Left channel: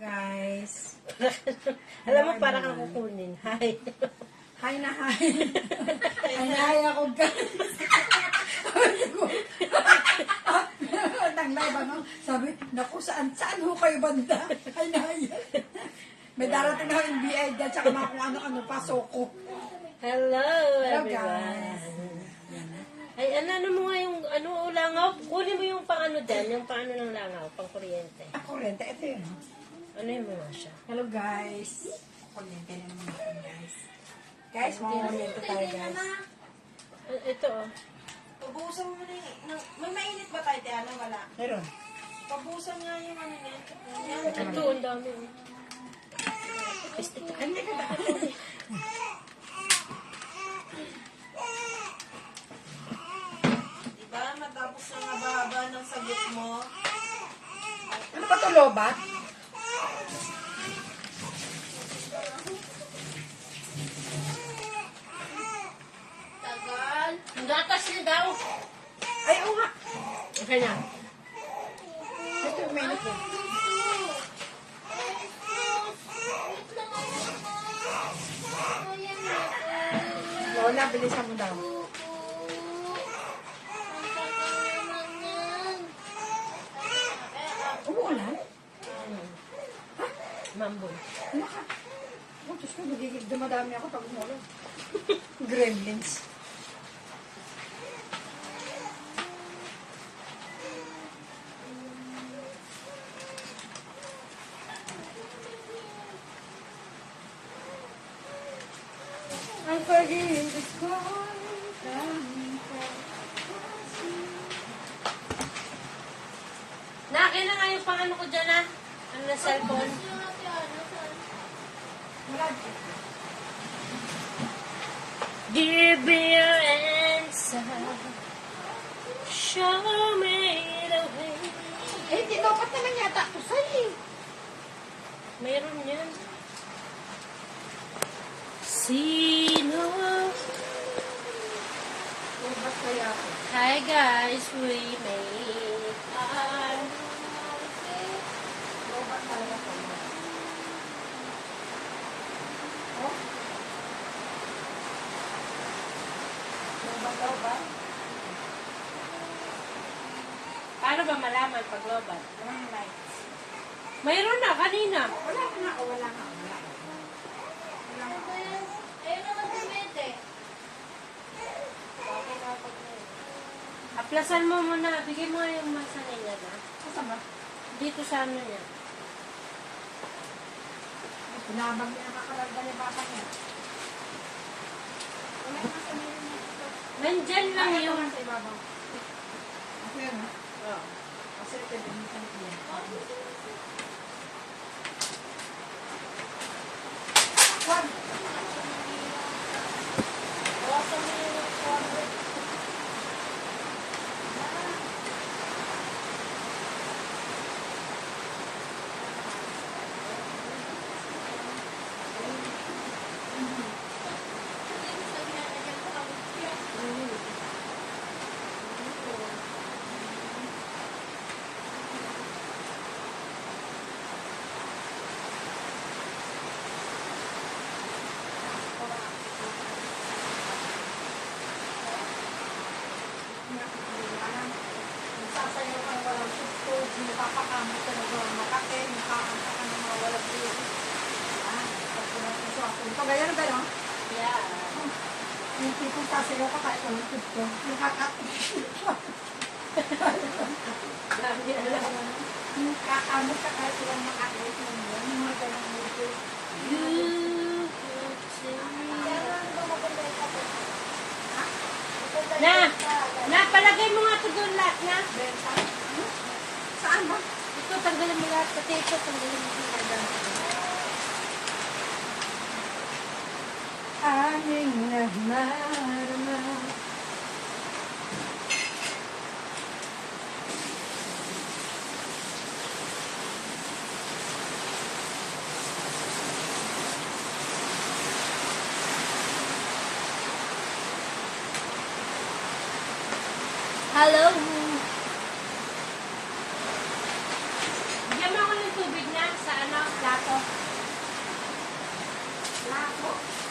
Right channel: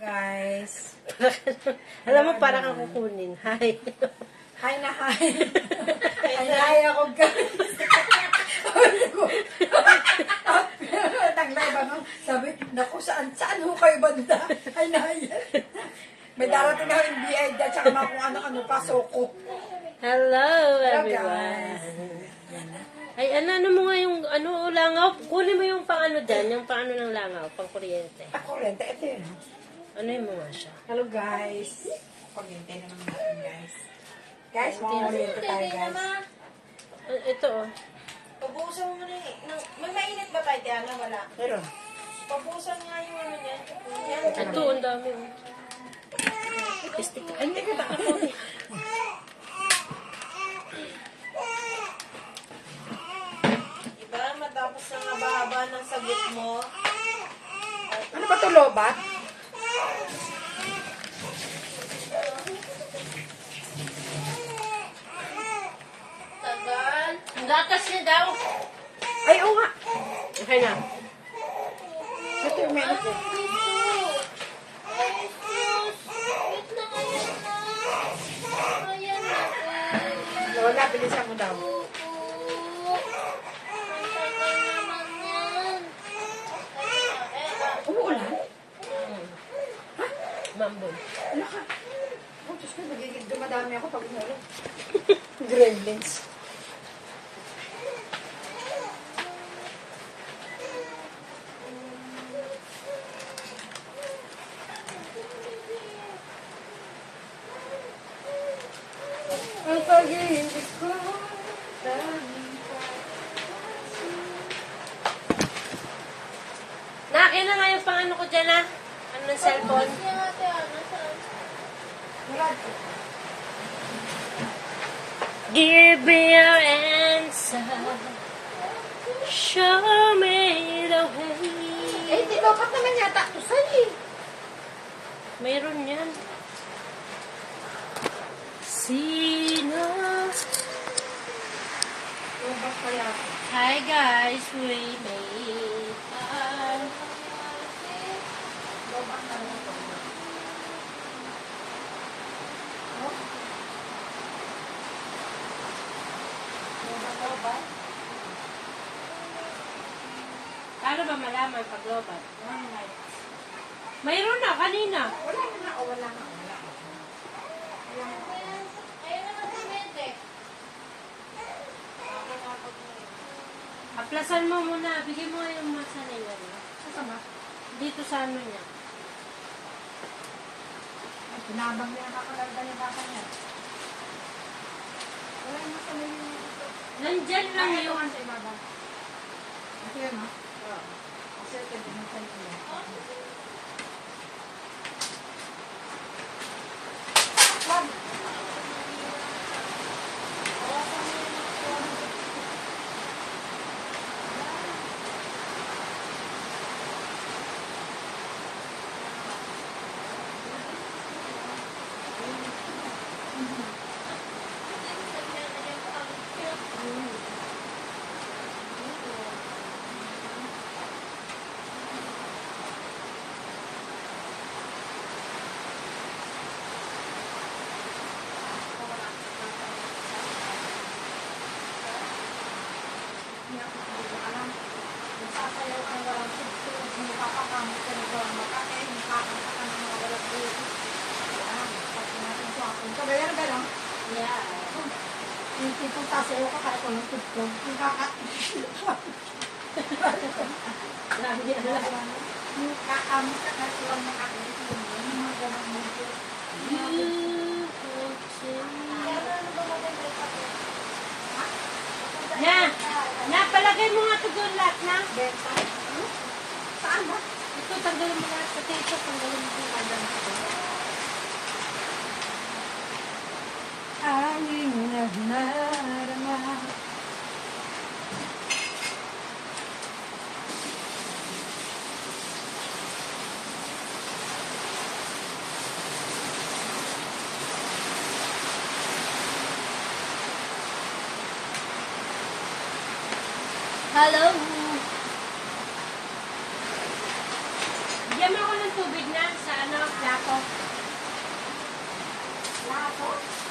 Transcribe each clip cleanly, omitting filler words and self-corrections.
guys. Alam mo, parang kang kukunin. Hi. Hi na hi. Hi ako guys. Naglay ba no? Sabi, naku, saan ho kayo banda? Hi na hi. May darating na NBA dyan, tsaka mga kung ano-ano pa, soko. Hello, Hello, everyone. Ay, ano mo nga yung, langaw? Kunin mo yung pang ano dyan, yung pang ano ng langaw, pang kuryente. Kurente, ito yun. Ano yung mga siya? Hello guys. Kuryente naman natin guys. Guys, kuryente tayo guys. Ito, oh. Pabusan mo na yung... May mainit ba tayo, Tiana? Wala. Meron. Pabusan nga yung ano niyan. Ito, ang dami. Pistik. Ay, hindi ko ba ako? Diba? Matapos na nga bahaba ng sagot mo. Ano ba ito, lobat? Tagal. Ang gatas niya daw. Ay, oo nga. Okay na. Ito yung meron ko. Lola, bilisan mo daw. Umuulan? Mambo. Wala ka. Oh, Diyos ko, nagiging dumadami ako pag umuulan. Gremlins. Ang pag-ibig ko. Nakin na nga yung pang ano ko dyan, ah. Ano na cellphone? Wala. Give me your answer. Show me the way. Eh, hindi dapat naman yata ito sa'yo eh. Mayroon yan. Sino? Lobat kaya ako. Hi guys, we made Lobat kaya ako. Oh? Lobat. Paano ba malaman pag lobat? One light. Mayroon na, kanina. Wala nga o wala nga. Aplasan mo muna. Bigay mo nga yung masa nila, no? Saan ba? Dito sa ano niya. Pinabang niya nakakalagda ni bata niya. Wala nga sa may ito. Nandyan lang Ay, ito yung... nga sa ibaba. Ito yun ha? Oh. Kasi ito, binisan ko yun. Wag! Nagsasayaw ang walang susto, napapakamot ka na walang makate, nakakanta ka na mga walang buhay. Yan, pag natin sa akin. Kagaya ba no? Yeah. Yung tipong sasayaw ka kahit walang susto, yung kakamot ka kahit walang makate, yung mga walang buhay. Na, palagay mo nga ito doon lahat, na. Benta? Saan ba? Ito, tanggalin mo lahat. Pati ito, tanggalin mo yung madam. Aning nagmarama. Hello. Bigyan mo ako ng tubig na sa ano.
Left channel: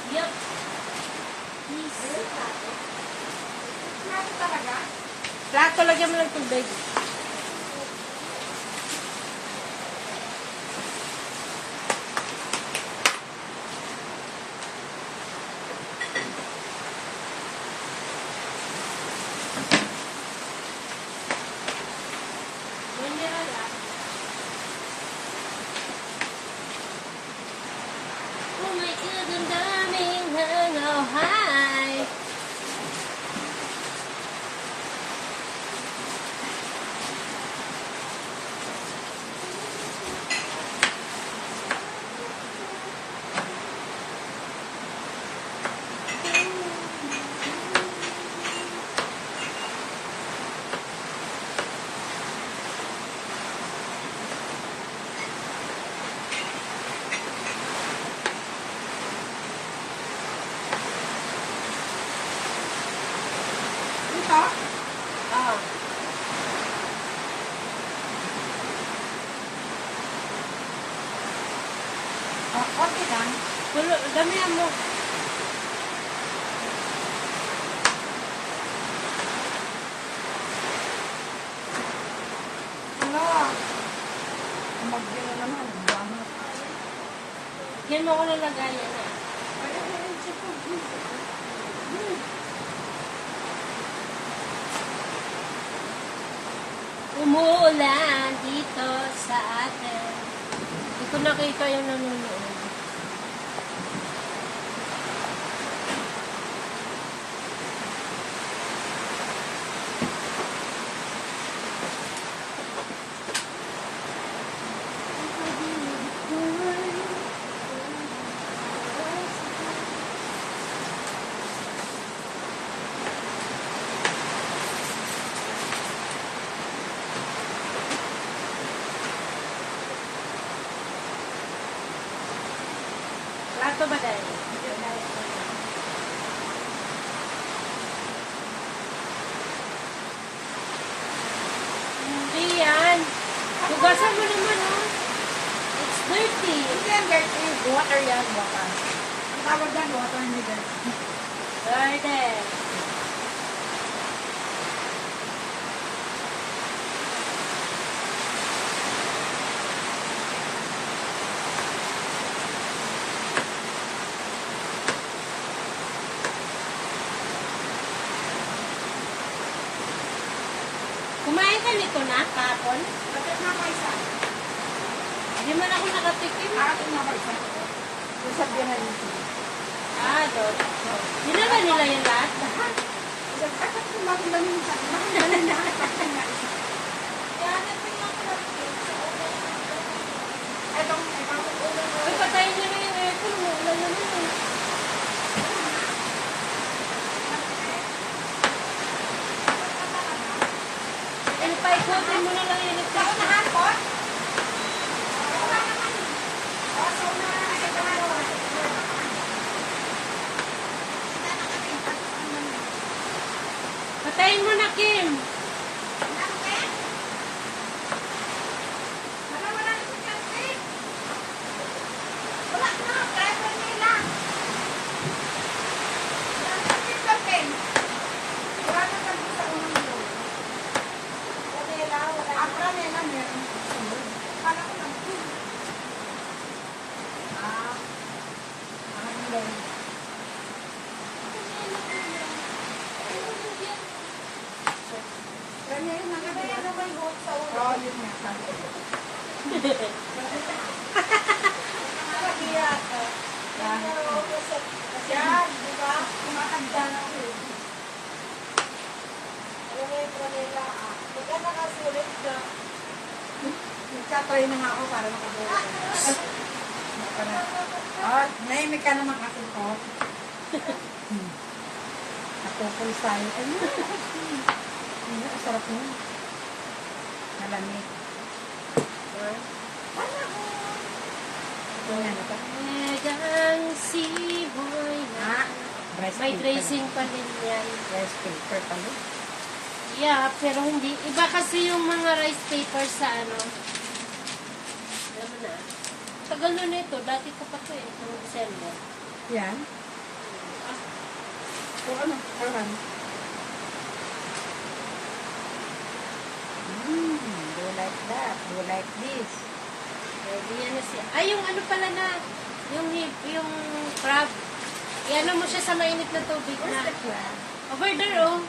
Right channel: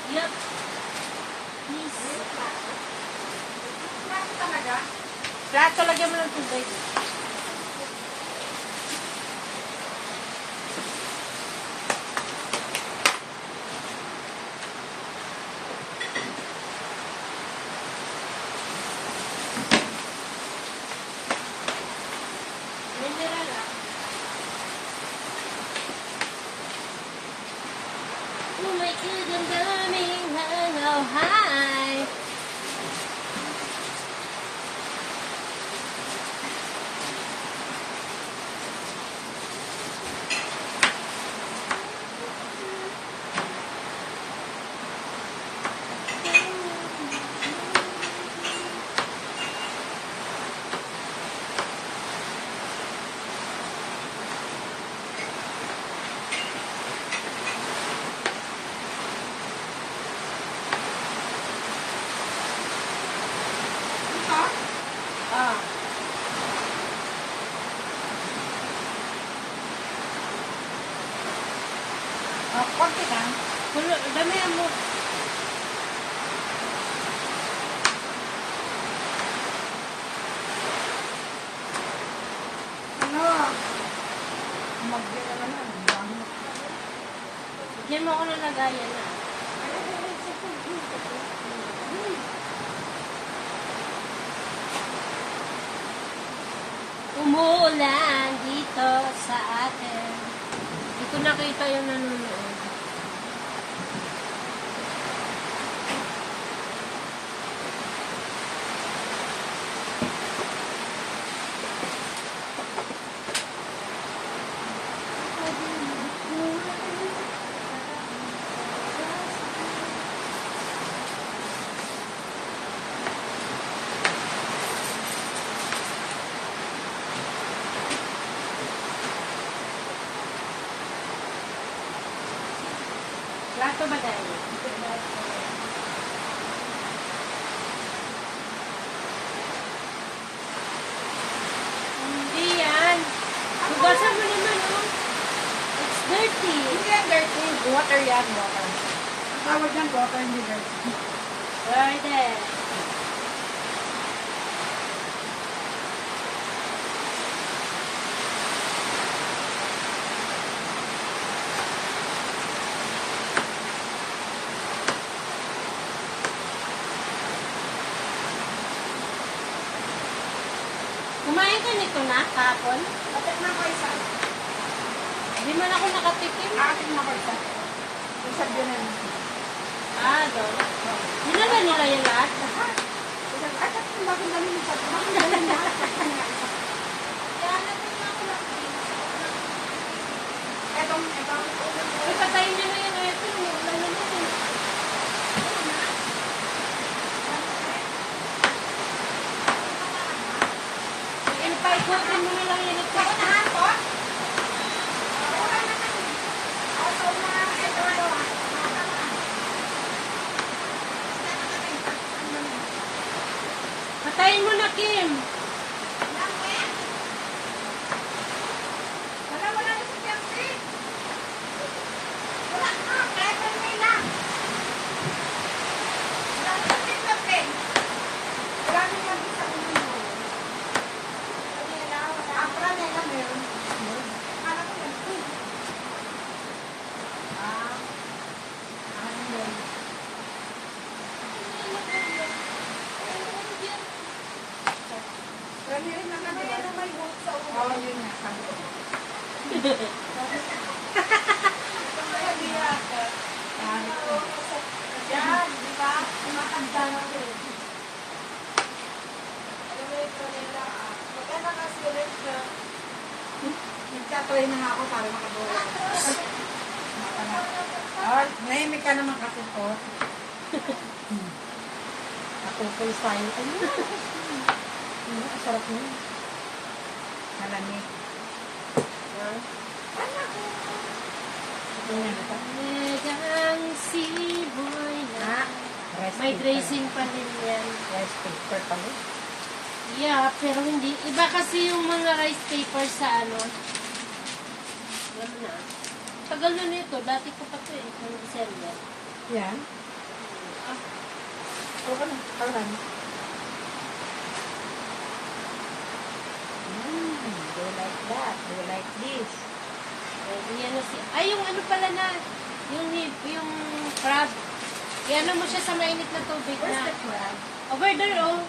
Yup. Please. Plato talaga? Plato, lagyan mo ng tubig. Mineral lang. Oh my God, ang daming hangaw. Hi! Ito? Ah. Konti lang. Pulo, damihan mo. Ano? Magbira naman. Bangat. Diyan mo ako nalagayan na. Umuulan dito sa atin. Hindi ko nakita yung nanonood. Plato ba dahil? Hindi yan. Hugasan mo naman, oh. It's dirty. Hindi yan dirty. Water yan, water. Ang tawag yan, water, hindi dirty. Dirty. Kumain ka nito na, kahapon? Patik na ako isa. Hindi mo na ako nakatikim. Akin na ako isa. Usap din na rin. Ah, doon. Dinala nila yung lahat? Isang, ay, bakit dami yung isa? Bakit dami na? Etong, Uy, patayin niyo na yung aircon. Ulan naman eh. Paikutin mo na lang yung electric. Patayin mo na, Kim. Oo, yun nga. Sabi ko. Yan, di ba? Kumakanda na ko eh. Alam mo yung Pranela, pagka nakasulit ka, nagtatry na nga ako para makabawa. Oh, nahimik ka naman kasi po. Napupulsahin ko yun. Ang sarap nun. Malamig. Tingnan ito. Megang siboy na. May tracing pa rin yan. Rice paper pala. Yeah, pero hindi. Iba kasi yung mga rice paper sa ano. Alam mo na. Tagal na nito. Dati ko pa ito eh. Noong December. Yan. Oo na, parang. Do like that, do like this. Pwede yan na siya. Ay, yung ano pala na, yung crab. Yan mo siya sa mainit na tubig Where's na. the crab? Over there, oh.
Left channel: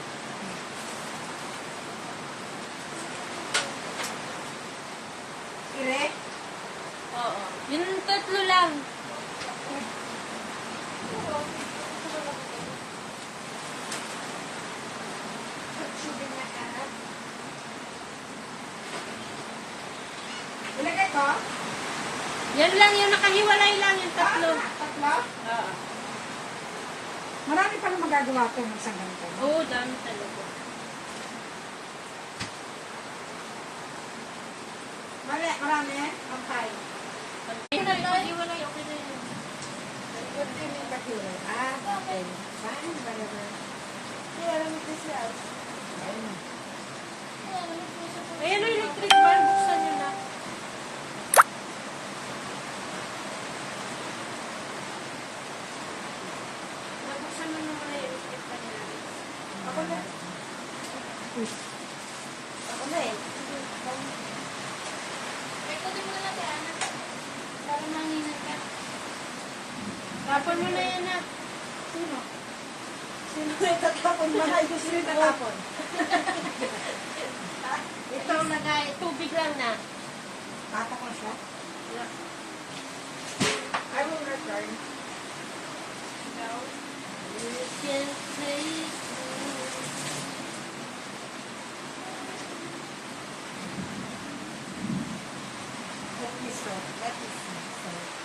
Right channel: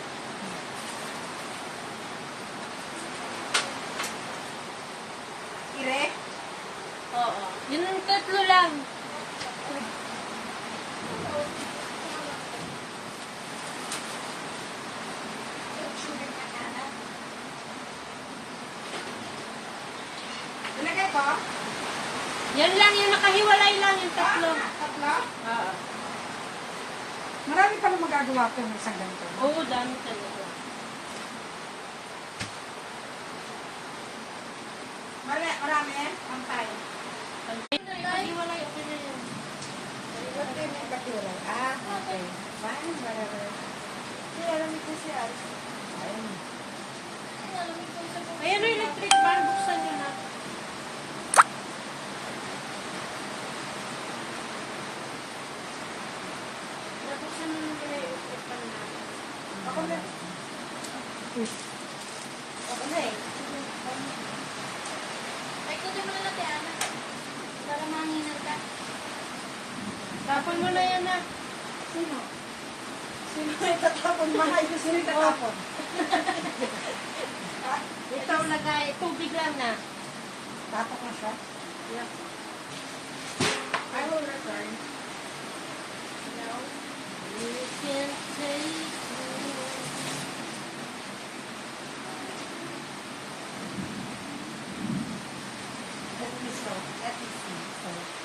Ire? Oo. Yun ang tatlo lang. Ilagay to? Yan lang, yung nakahiwalay lang yung tatlo. Tatlo? Oo. Marami pala magagawa po ng isang ganito. Oo, dami talaga. Marami? Pantay. Nakahiwalay, okay na yun. Ah, okay. Fine, whatever. Ayan na electric fan, buksan nyo na. Buksan mo na muna yung electric fan na. Ako na. Ako na eh. Ay, kunin mo na lang yan. Para manginay ka. Tapon mo na yan na. Sino? Sino may tatapon? Mahal ko sino yung tatapon. Ito lagay, tubig lang na. Tatak mo siya? Yeah. I will return. No. You can take Let me see. Let me see.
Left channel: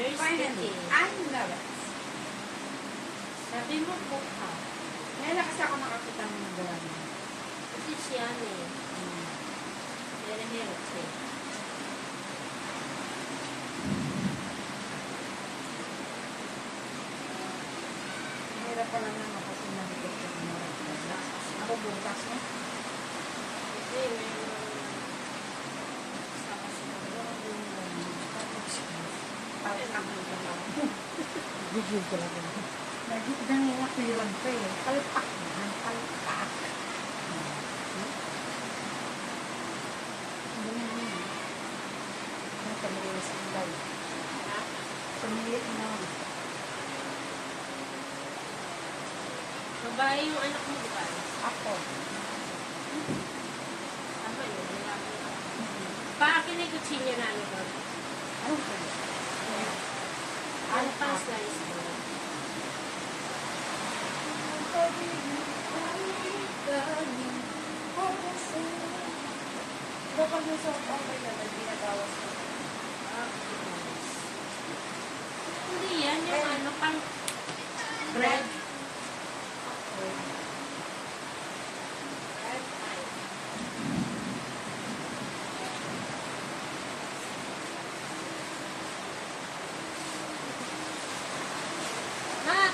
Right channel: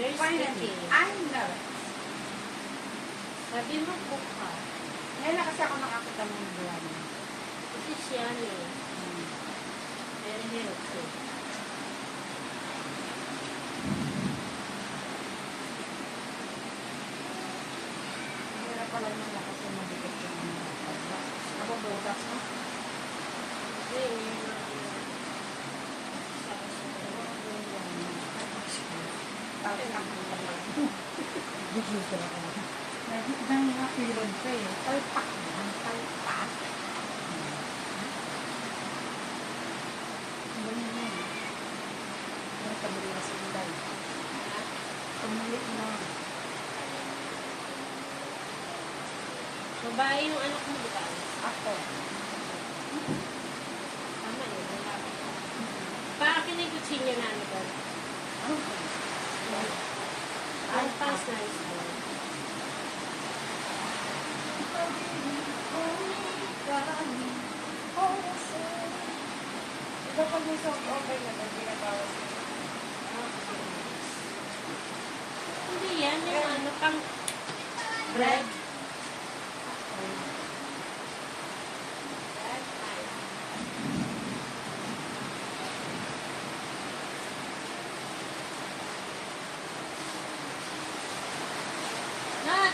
very Finally, sticky. I love it. Sabi mo, cook ka. Ngayon na kasi ako nakakita ng nagawa mo. Kasi siya eh. Very healthy. Hirap pala nung kasi mabigat yung mga ako butas na. Kasi, Bakit naman pala? Gigil talaga. Nang mga pilon pa eh. Palpak na. Palpak. Ang kamili na sa ilay. Kamili na. babae yung anak mo, di ba? Ako. Tama yun. Paakin na yung kutsilyo na ano doon. Okay. Ang pass na is Baka gusto ko okay naman, binabawas. Hindi yan, yung ano, pang bread.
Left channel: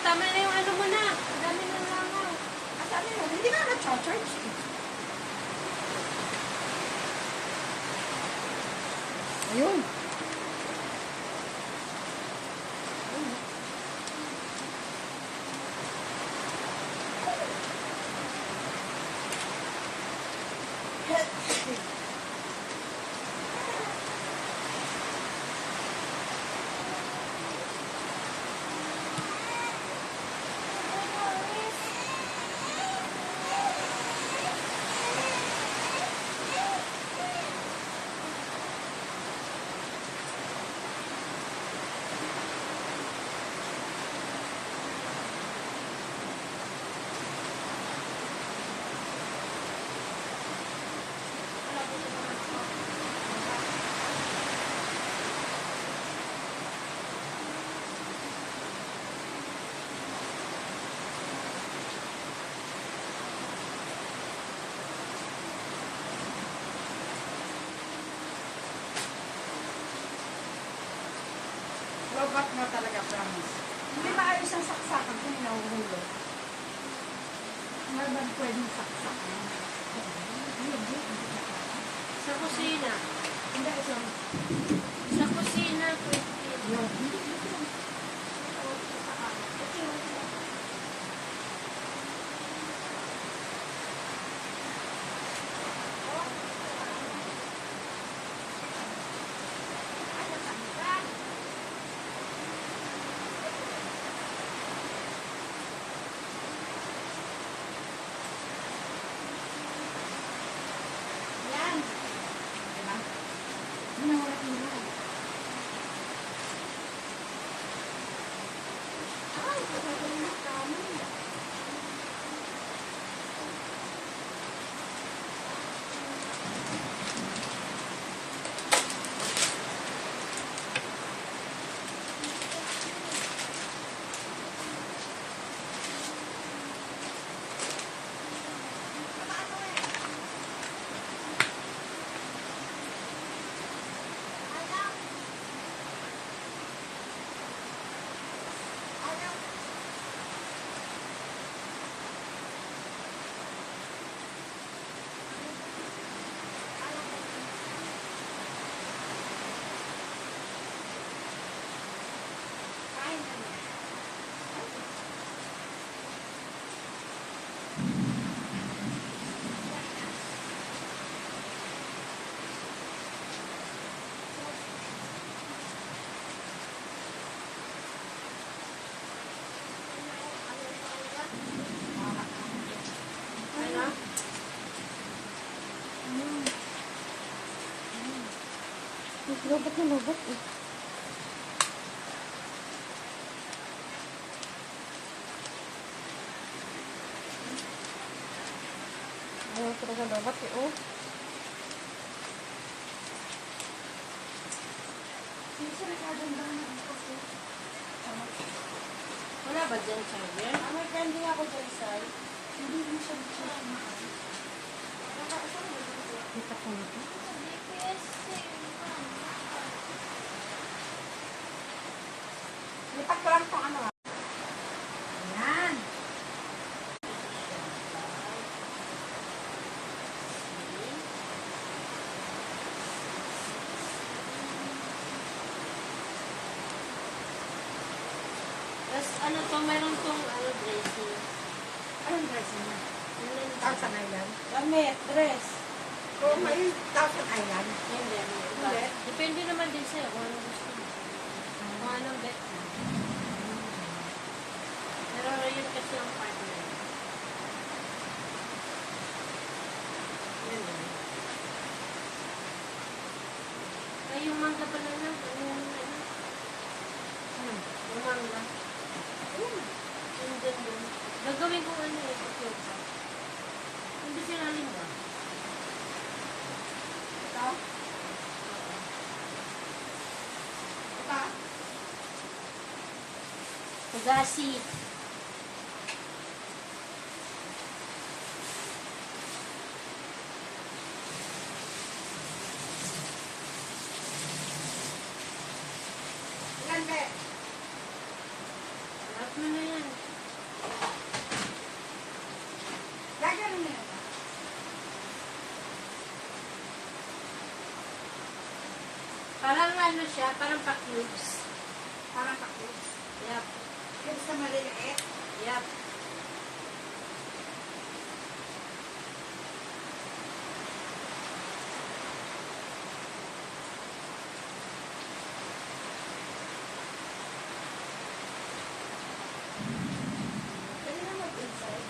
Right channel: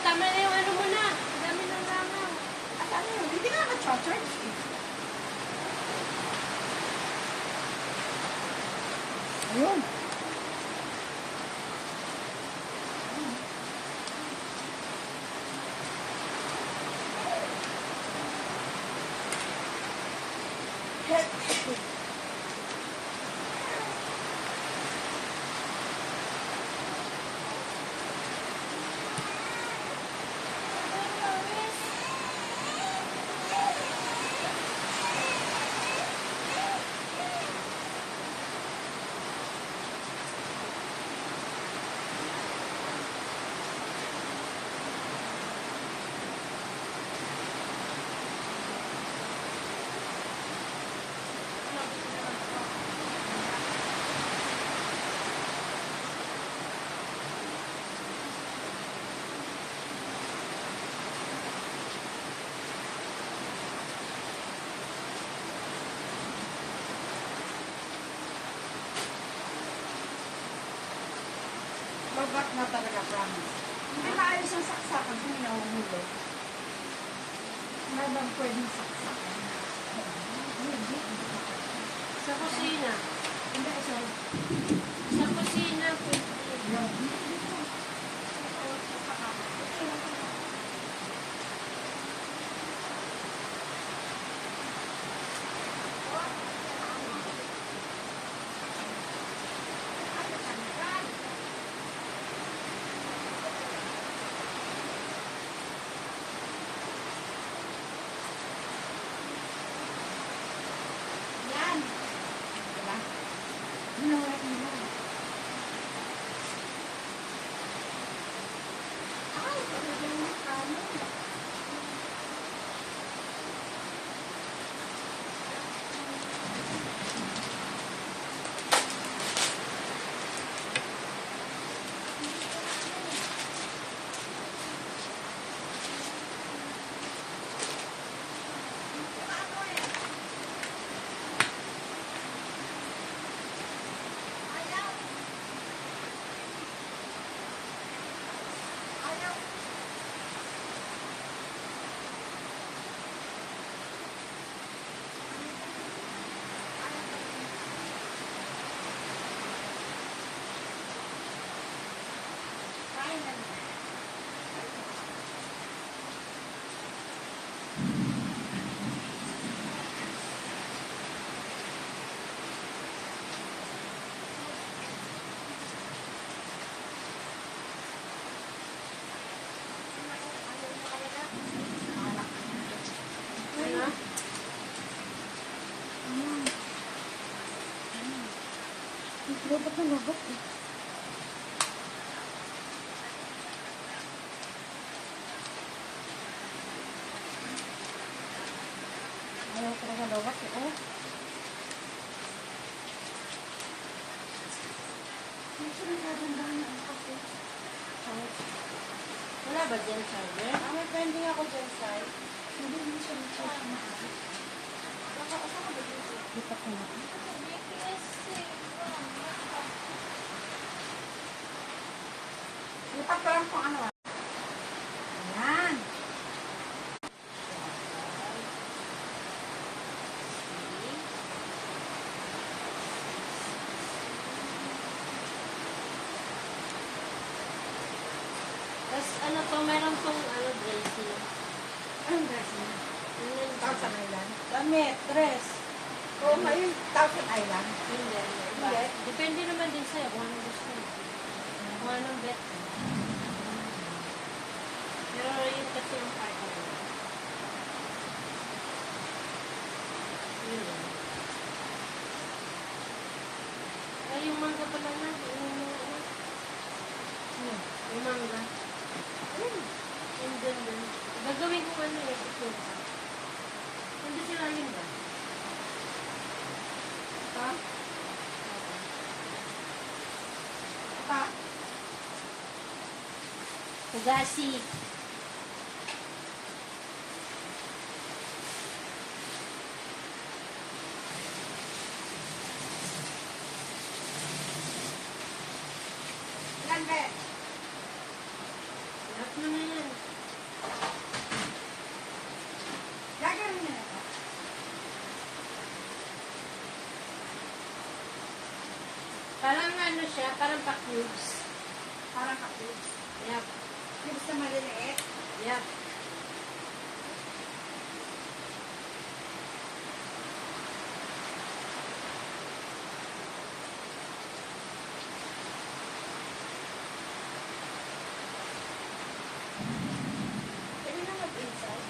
Tama na yung ano mo na. Ang dami na lang mo. At ano yun, hindi na na-charge. Ayun. Lobat na talaga, promise. Hindi maayos ang saksakan kung inahuhulog. Ano bang pwedeng saksakan? Hindi. Sa kusina. Hindi, sorry. Sa kusina. Yan. Diba? Hindi mo na tingnan. Ay, pagkakas na kami. Ano? Lobot na lobot eh. Ayaw ko na lobot eh. Oh. Wala ba dyan charger? May pending ako dyan, Sai. Hindi mo siya na-charge. Kita ko na. Lipat ko lang itong ano ah. Ayan. Tapos ano to, meron pong ano, dressing. Anong dress niya? Ano yung Thousand Island? Damit, dress. O, kayo Thousand Island? Hindi, iba. Hindi. Depende naman din sa'yo kung anong gusto mo. Kung anong bet mo. Pero yun kasi ang partner. Yun lang. Ay, yung mangga pa lang na. Yung mangga. Yung ganda. Gagawin ko ano eh, sa sofa. Hindi sila yun ba? Ha? Ha? Pugasi. Ilan ba? Lahat mo na yan. Gagawin niya na ba? Parang ano siya, parang pa-cubes. Parang kaklips. Yep. Clips na maliliit. Yep. Pwede na mag-inside.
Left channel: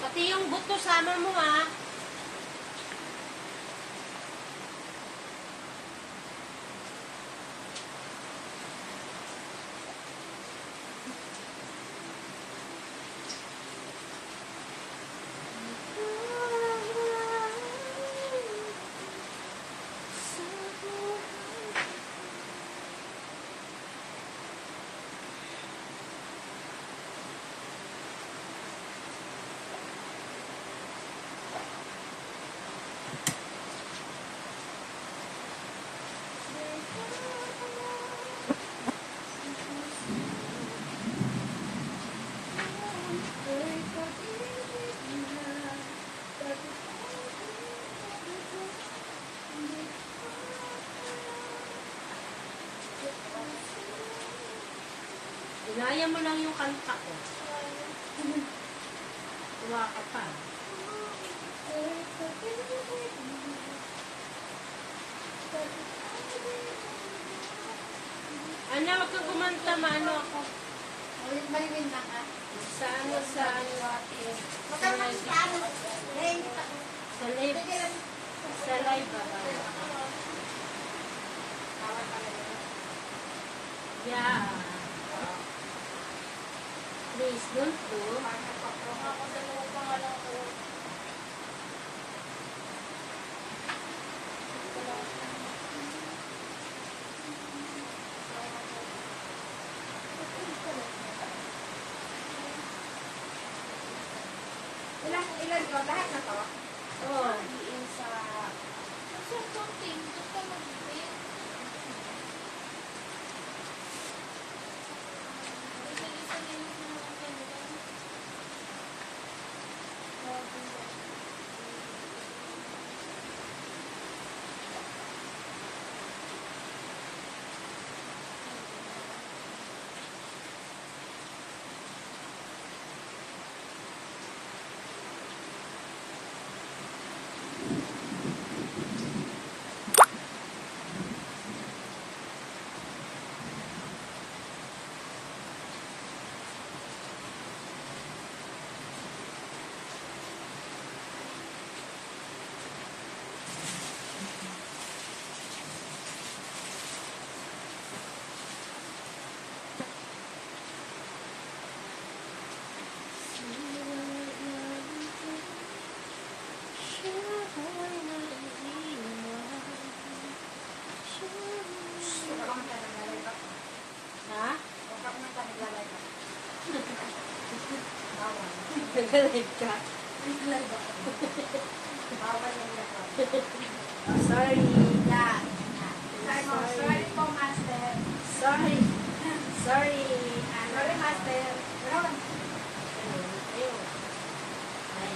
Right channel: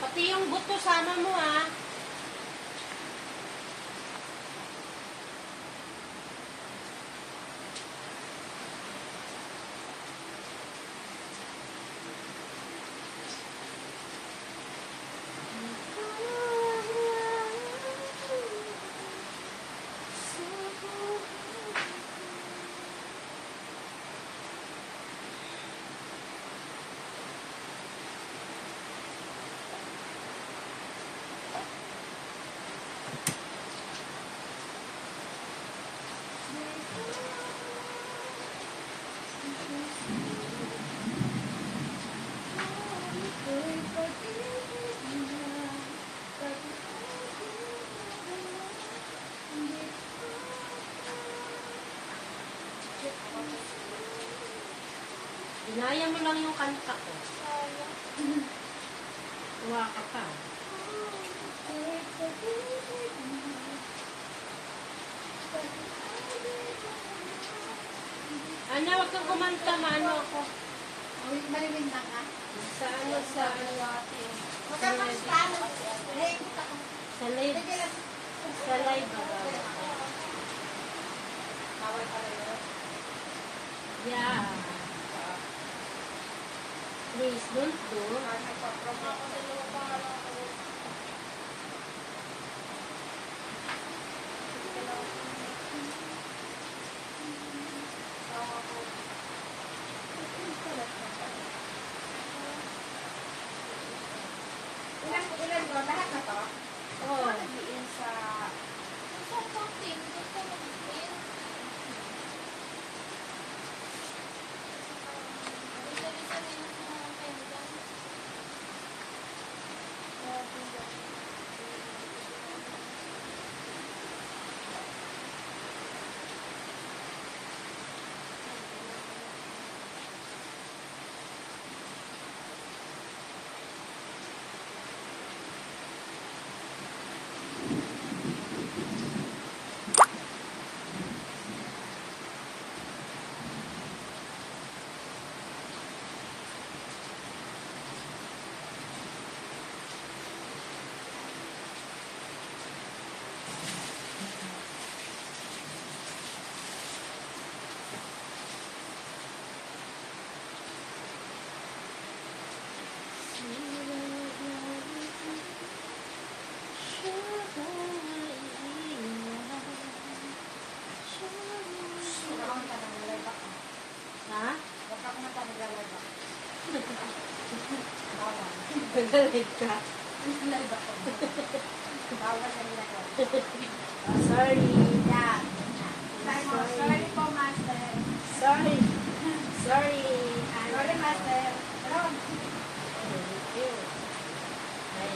Pati yung buto sama mo ah. Kaya mo lang yung kanta ko. Tuwa ka pa. Ana, huwag kang kumanta, maano ako. Marilin na ka. Sa ano, sa ano. Huwag kang magkano. Nahingit ako. Sa live. Sa live ba? Yeah. Please don't do. Ilan yun? Lahat na to? Oh. Ha? Huwag ka kumanta naglalay ako. Bawal. Nag-live ka. Naglalay ako. Bawal yung lahat. Oh, sorry. Yeah. Sabi mo, sorry po, master. Sorry. Sorry. Sorry, master. Pero, Ayun. Ay,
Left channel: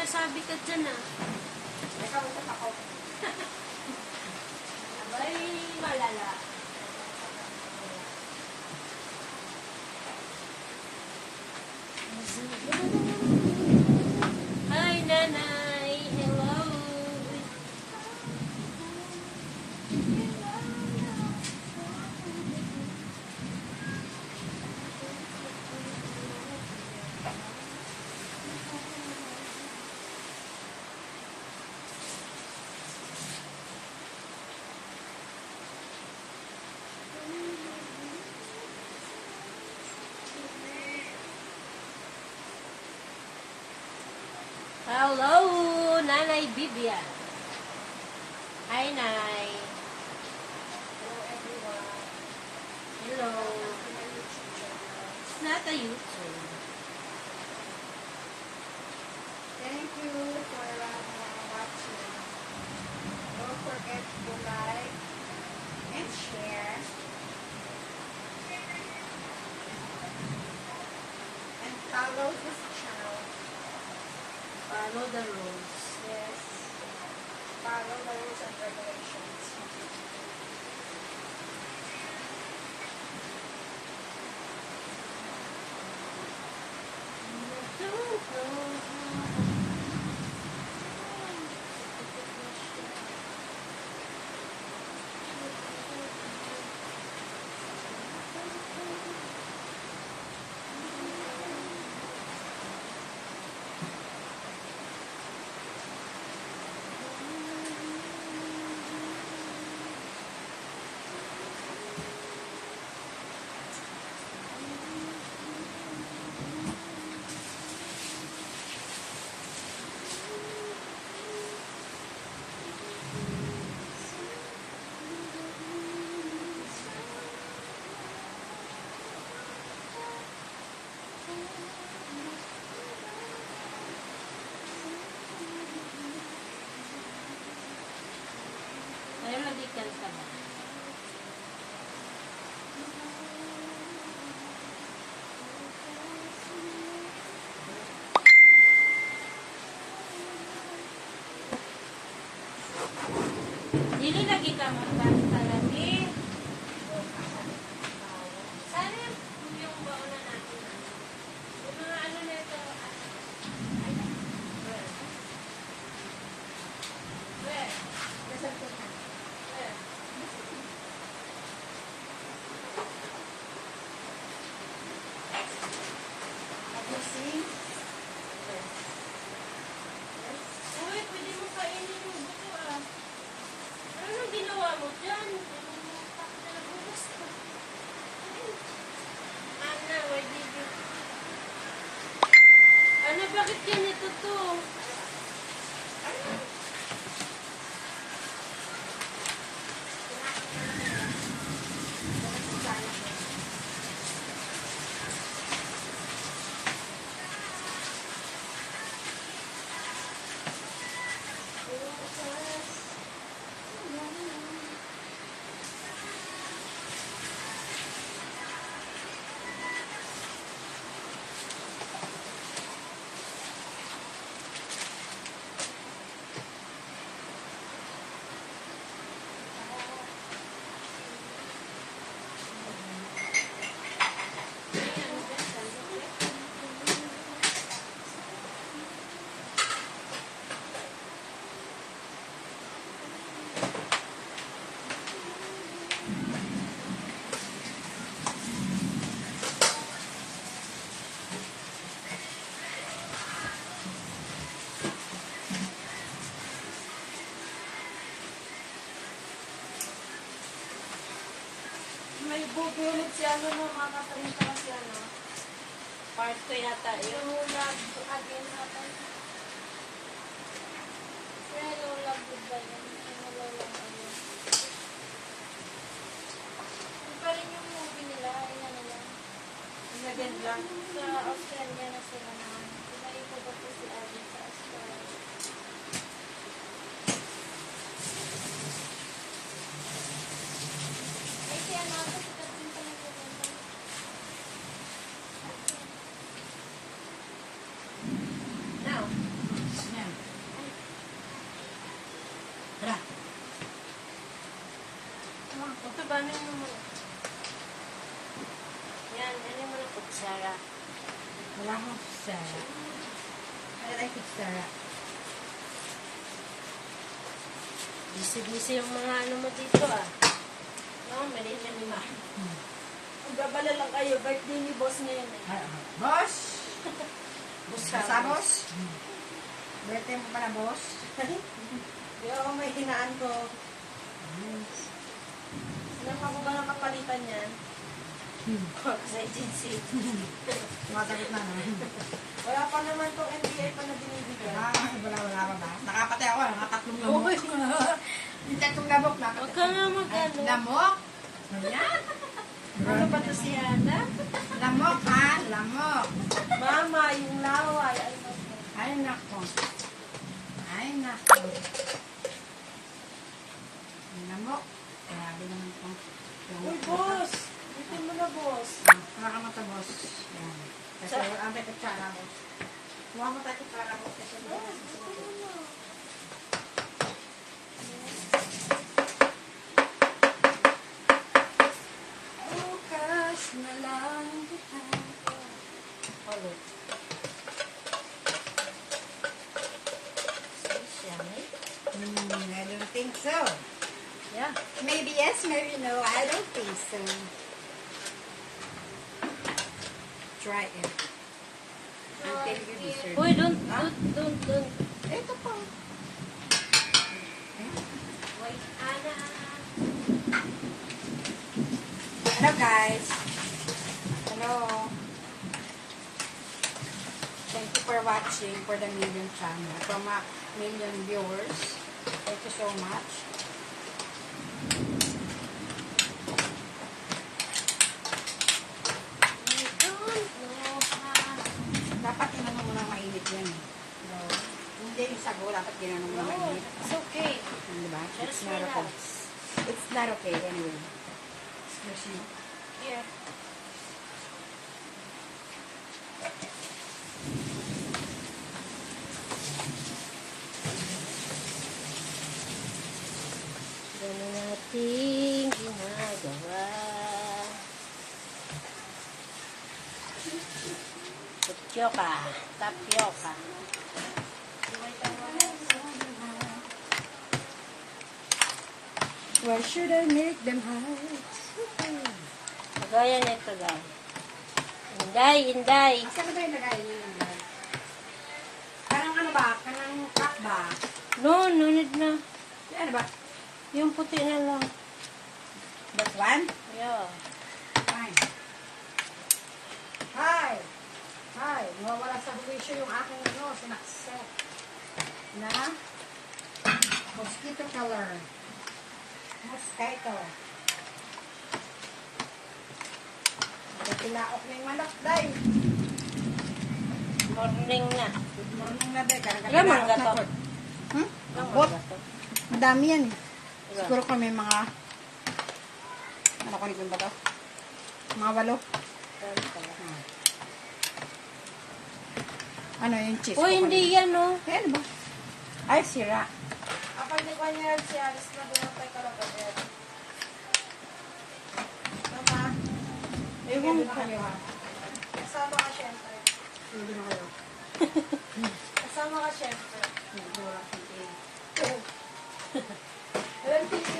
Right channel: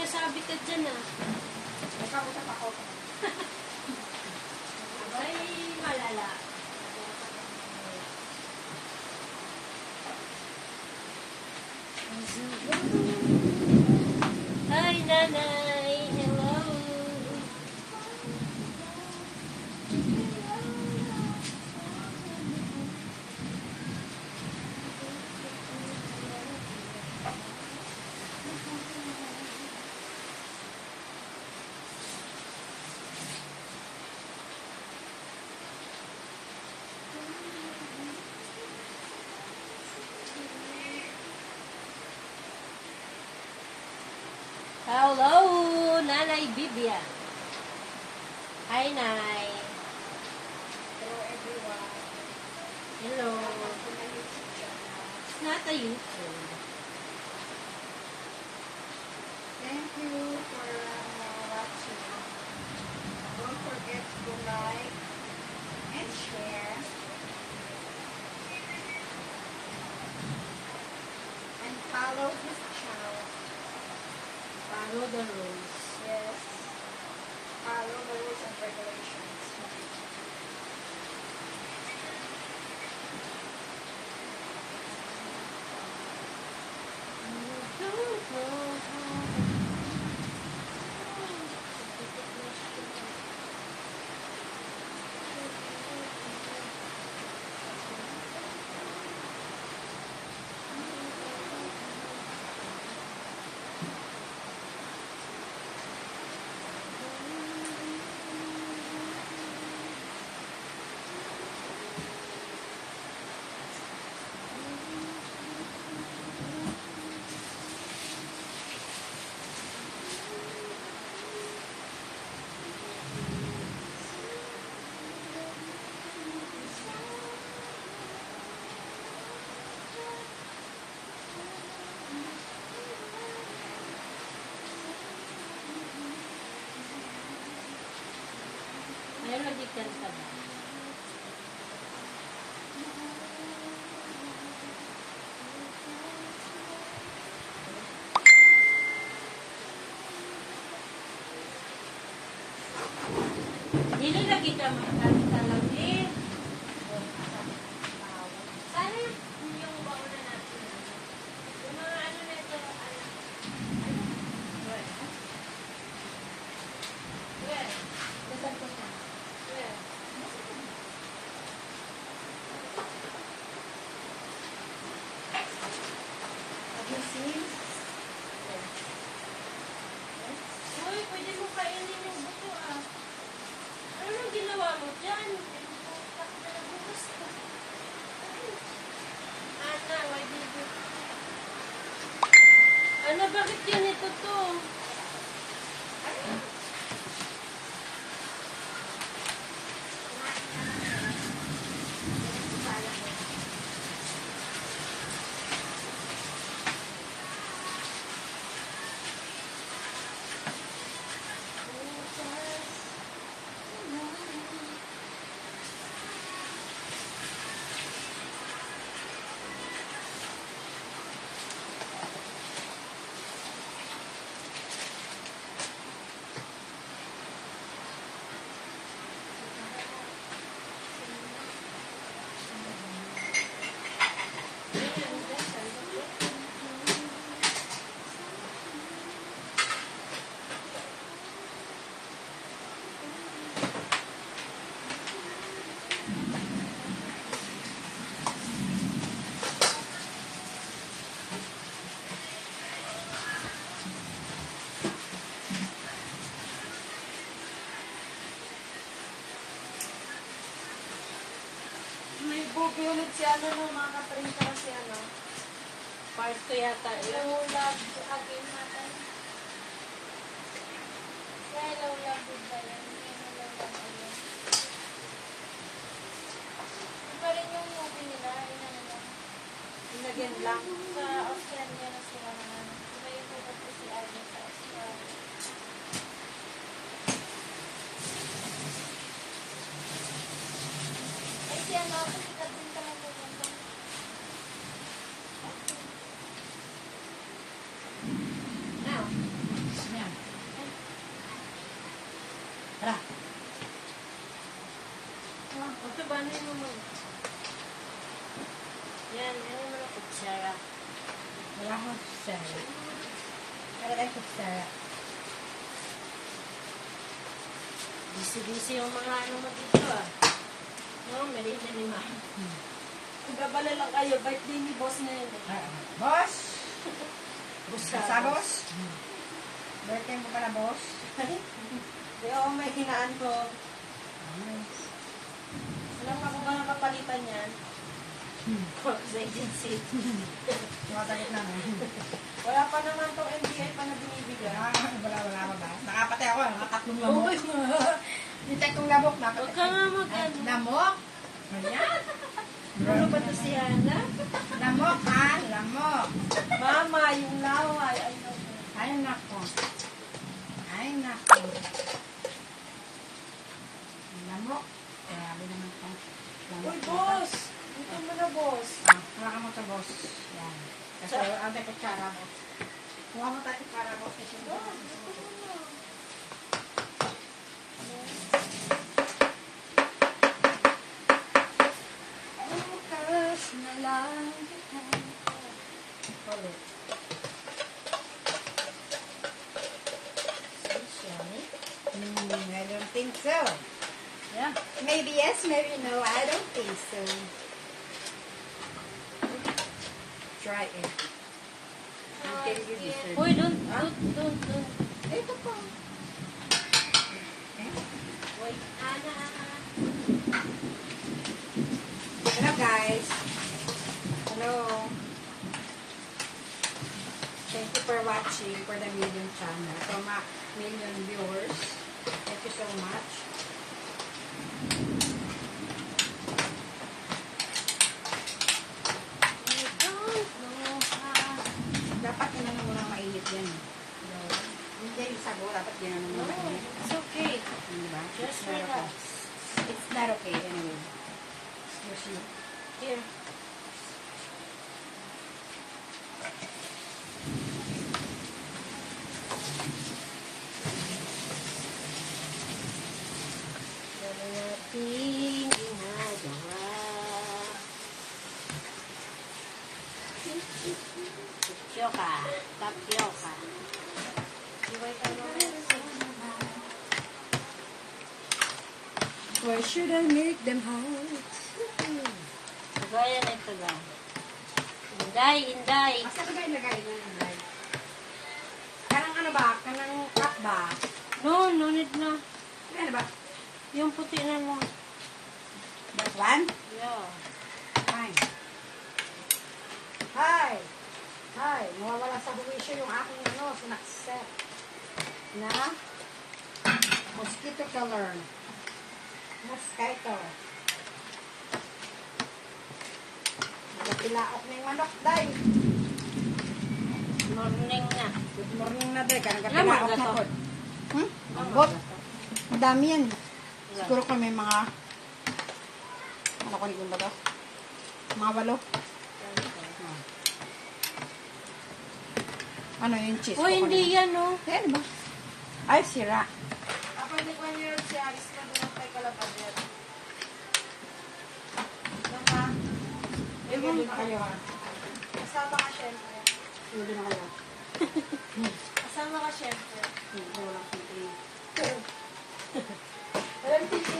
nasabi ka dyan ah. May kamutat ako. Abay, malala. Hi, nanay. Hello. Hello, Nanay Vivian. Hi, Nay. Hello everyone. Hello. It's not a YouTube. Thank you for watching. Don't forget to like and share. And follow this channel. Follow the rules. Yes. Follow the rules and regulations. Ay, magitan ka ba? Dili lagi ka magtatalagi. Sana yung bauna natin. Yung mga ano na ito, Where? Nasaan po siya? Where? Have you seen? Uy, pwede mo kainin yung buto ah. Ano nang ginawa mo dyan? Bukas ko. Ana, why did you... Ano, bakit ganito to? May bubulog si ano no, mga kaparinta kasi ano. Part ko yata yun. Hello, love again natin. Hello, love, goodbye. Hello, love, again. Iba rin yung movie nila. Ayan na lang. Inagyan lang. Sa Australia na sila naman. Pinaipo ba po si Arvin sa Australia? Ay, si ano, kasi David ka magpupunta. Now, smell. Tara. Ito ba na yung... Yan yung mga kutsara. Wala akong kutsara. Wala tayong kutsara. Busy-busy yung mga ano mo dito ah. No, meron na lima. Magbabala lang kayo. Birthday ni boss ngayon eh. Boss! Busa. Sa boss? Birthday mo pala, boss? Yung may hinaan ko. Alam mo ako ba ang papalitan yan? Sa agency. Tumatagot na nga. Wala pa naman tong NBI pa na binibigyan. Wala pa ba? Nakapatay ako, nakatatlong lamok. Yung tatlong lamok, Huwag nakapatay. ka nga mag-ano. Lamok? Ayan. Ano ba to si Hana? Lamok, ha? Lamok. Mama, yung laway. Ano? Ay, nako. Ay, nako. Lamok. Grabe naman ito. Uy, boss! Dito mo na, boss. Kuha ka mo ito, boss. Yan. Kasi ang may kutsara mo. Kuha mo tayo kutsara mo. Kasi Bukas na lang kita. I don't think so. Yeah. Maybe yes, maybe no. I don't think so. Try it. Until we listen. Uy, don't. Ito pa. Wait, Ana. Hello guys. Hello. Thank you for watching for the million channel. For my million viewers. Thank you so much. Dapat ginanong mo ng mainit yan. Hindi yung sago, dapat ginanong mo ng No, mainit. it's okay. Diba? Just It's not okay. relax. It's not okay anyway. Excuse me. Here. Wala nating ginagawa. Tapioca. Tapioca. Why should I make them hide? Kagaya na ito, guys. Inday. Asa ko ba yung lagay niya yung hide? Karang ano ba? Karang cut ba? No need na. Ano ba? Yung puti na lang. That one? Yeah. Fine. Hi! Hi! Nawawala sa huwisyo yung aking sinakset. Na? Mosquito killer. Mosquito. Nagatilaok na yung manok, day. Morning na. Good morning na, day. Karang Alam mo, katilaok na gato. po. Ang bot. Ang dami yan. Siguro kung may mga ano ko ba to? Mga 8. Ano yung cheese? Uy, hindi yan, no? Eh, ano ba? Ay, sira. Ako hindi ko niya si Alice na doon tayo kalabadet. Naman, Hindi na kayo ha. kasama ka syempre. Hindi na kayo. Kasama ka syempre. Hindi wala konti. Walang TV.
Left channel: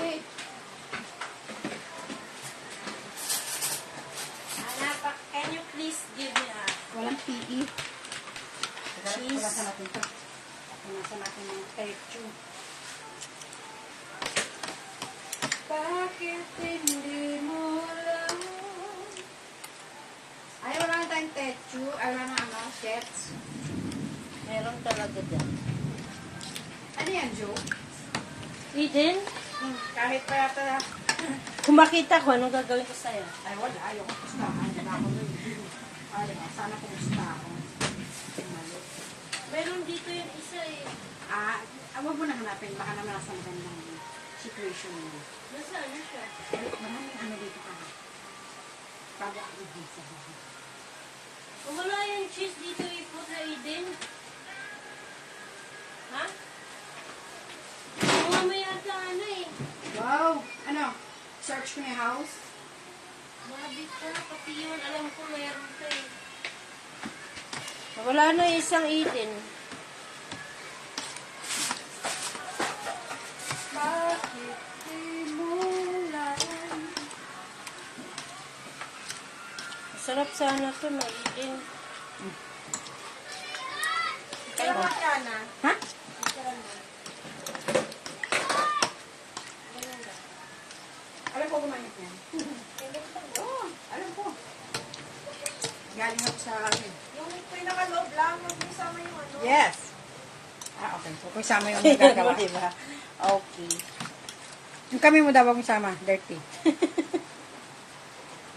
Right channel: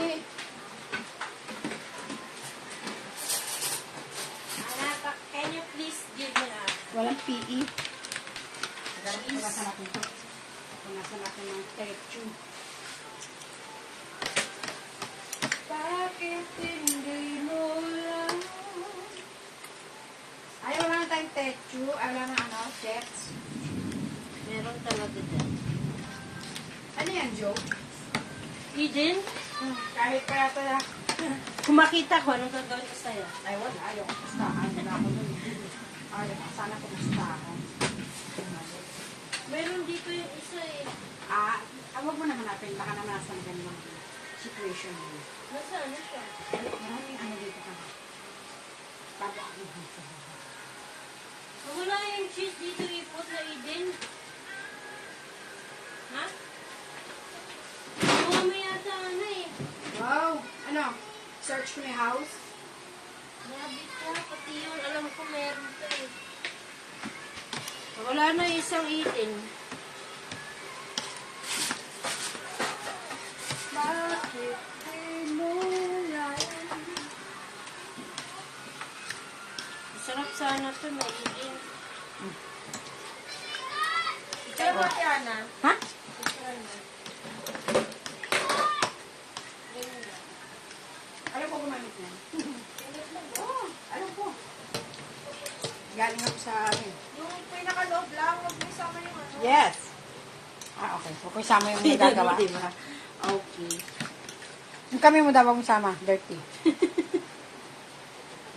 Anak, can you please give me a... Walang PE. Pagkasa natin ito. Pagkasa natin ng techu. Bakit hindi mo alam? Ay, wala na tayong techu. Ay, wala na ano, sets. Meron talaga dyan. Ano yan, Joe? Eden, Kahit pa yata na. kung makita ko, anong gagawin ko sa'yo? Ay, wala. Ayaw. Basta, ano na ako nun. Ayaw. Sana kumusta ako. Meron dito yung isa eh. Huwag mo na hanapin. Baka nanasan ka ng situation mo. Nasaan siya? Maraming ano dito ka. Sabi ako sa bahay. Wala yung cheese dito ipot na Eden. Ha? Mamaya Search mo yung house. Nabit ka, pati yung alam ko meron ka eh. Wala na yung isang itin. Bakit tinulay? Sarap sana ito, mag-iin. Pero ba, Tiana? Ha? Alam ko gumamit yan. Oo, alam ko. Galing ako sa amin. Yung pinakaloob lang, yung isama yung ano. Yes. Ah, okay. Huwag ko isama yung nagagawa. Diba? Okay. Yung kami mo daw huwag isama. Dirty.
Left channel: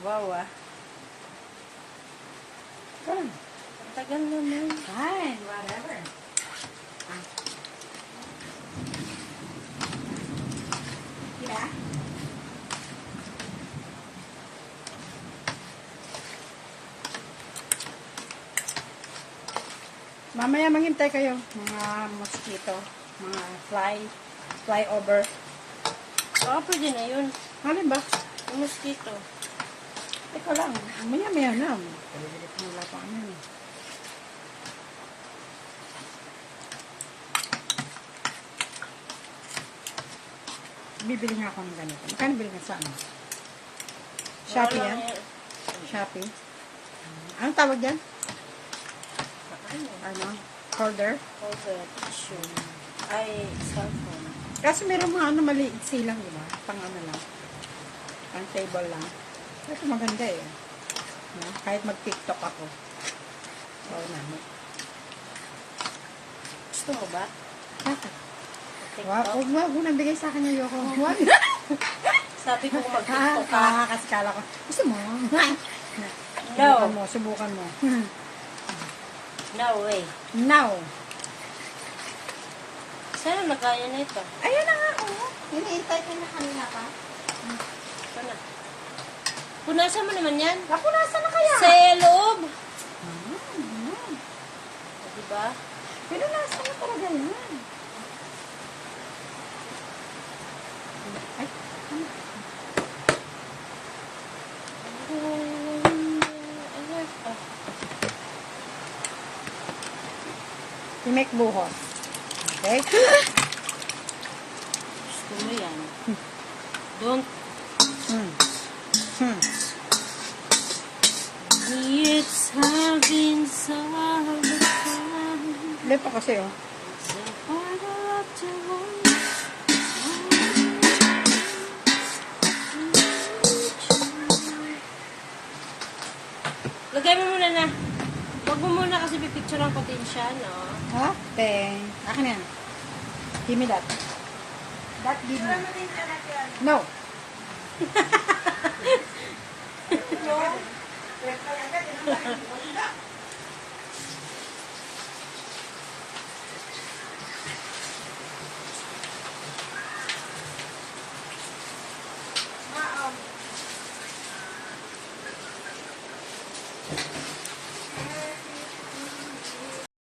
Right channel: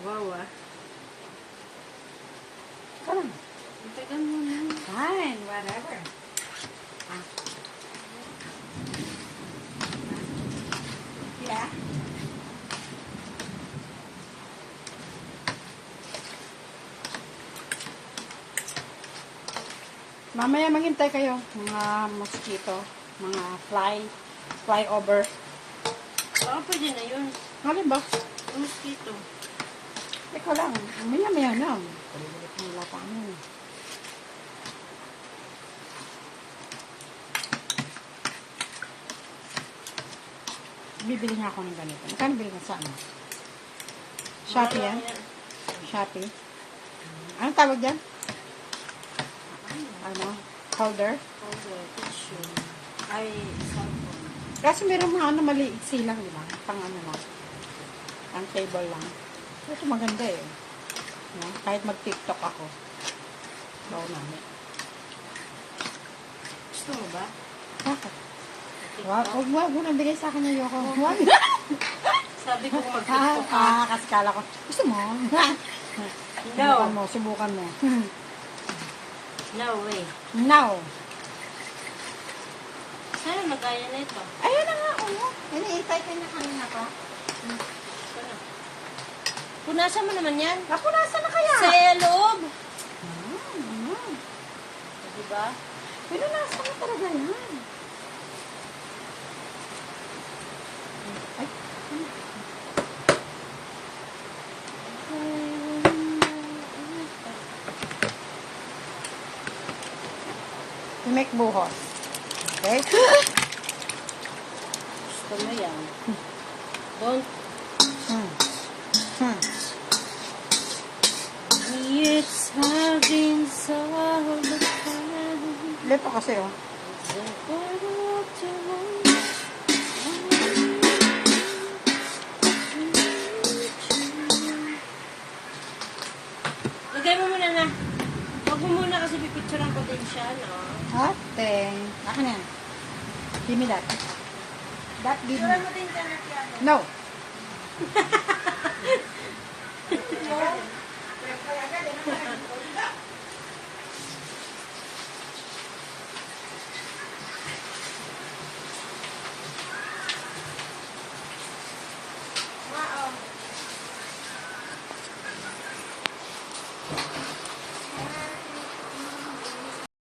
Wow ah. Parang, Ang tagal naman. fine. Whatever. Ah. Yeah. Mamaya maghintay kayo, mga mosquito, mga fly over. Baka pwede na yun. Ano ba? Ang mosquito. Ikaw lang, maya na. Palibilit mo wala pa ano. Bibili nga ako ng ganito. Magkano bili ka sa ano? Shopee yan? Shopee? Anong tawag dyan? Ano? Holder? Okay, tissue. Ay, cellphone. Kasi meron mga ano maliit silang, di ba? Pang ano lang. Pang table lang. Ito maganda eh. No? Kahit mag-tiktok ako. So, namin. Gusto mo ba? Bakit? Huwag mo nang bigay sa akin yung yoko. Huwag. Sabi ko pag Kasi kala ko. Gusto mo? Subukan mo, subukan mo. No way. Now. Sana magkaya na ito. Ayun na nga, oh. Iniintay ko na kanina pa. Ano? Punasan mo naman yan. Napunasan na kaya? Sa loob. Mm. Diba? Pinunasan na talaga yan. Ay, ano? Timek buhos. Okay? Gusto mo yan. Don't Hmm. It's having so much fun. Hindi pa kasi, oh. Lagay mo muna na. Huwag mo muna kasi pipicturean ko din siya, no? Okay. Akin yan. Give me that. That give me. Ano din ka na, Tiana? No. No? Pero pala,